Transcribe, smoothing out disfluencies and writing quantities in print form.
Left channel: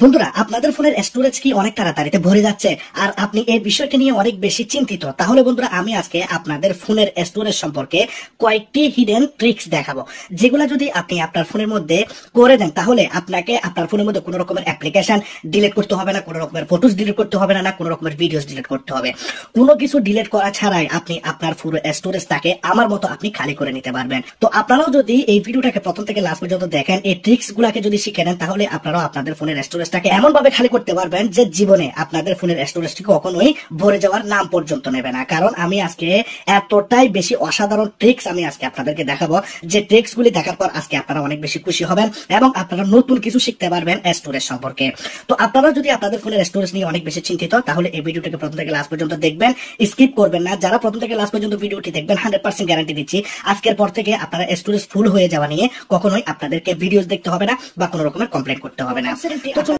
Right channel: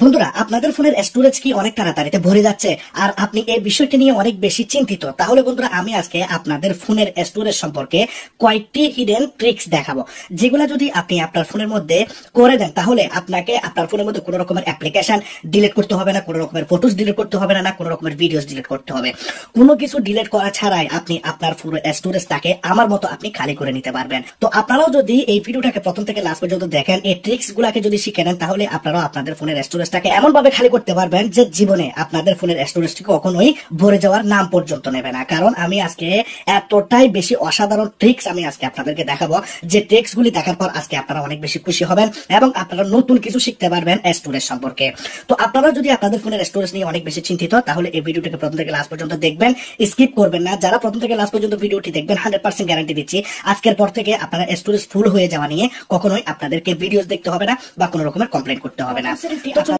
বন্ধুরা, আপনাদের ফোনের স্টোরেজ কি অনেক তাড়াতাড়িতে ভরে যাচ্ছে আর আপনি এই বিষয়টি নিয়ে অনেক বেশি চিন্তিত? তাহলে বন্ধুরা, আমি আজকে আপনাদের ফোনের স্টোরেজ সম্পর্কে কয়েকটি হিডেন ট্রিক্স দেখাবো, যেগুলা যদি আপনি আপনার ফোনের মধ্যে করে দেন তাহলে আপনাকে আপনার ফোনের মধ্যে কোনো রকমের অ্যাপ্লিকেশন ডিলিট করতে হবে না, কোনো রকমের ফটোস ডিলিট করতে হবে না, কোনো রকমের ভিডিওস ডিলিট করতে হবে। কোনো কিছু ডিলিট করা ছাড়াই আপনি আপনার পুরো স্টোরেজটাকে আমার মতো আপনি খালি করে নিতে পারবেন। তো আপনারাও যদি এই ভিডিওটাকে প্রথম থেকে লাস্ট পর্যন্ত দেখেন, এই ট্রিক্স গুলাকে যদি শিখে নেন, তাহলে আপনারাও আপনাদের ফোনের স্টোরেজটাকে এমন ভাবে খালি করতে পারবেন যে জীবনে আপনাদের ফোনের স্টোরেজটি কখনোই ভরে যাওয়ার নাম পর্যন্ত নেবে না। কারণ আমি আজকে এতটাই বেশি অসাধারণ ট্রিক্স আমি আজকে আপনাদেরকে দেখাবো, যে ট্রিক্স গুলি দেখার পর আজকে আপনারা অনেক বেশি খুশি হবেন এবং আপনারা নতুন কিছু শিখতে পারবেন স্টোরেজ সম্পর্কে। তো আপনারা যদি আপনাদের ফোনের স্টোরেজ নিয়ে অনেক বেশি চিন্তিত, তাহলে এই ভিডিওটিকে প্রথম থেকে লাস্ট পর্যন্ত দেখবেন, স্কিপ করবেন না। যারা প্রথম থেকে লাস্ট পর্যন্ত ভিডিওটি দেখবেন, 100% গ্যারান্টি দিচ্ছি আজকের পর থেকে আপনারা স্টোরেজ ফুল হয়ে যাওয়া নিয়ে কখনোই আপনাদেরকে ভিডিওস দেখতে হবে না বা কোনো রকমের কমপ্লেইন করতে হবে না।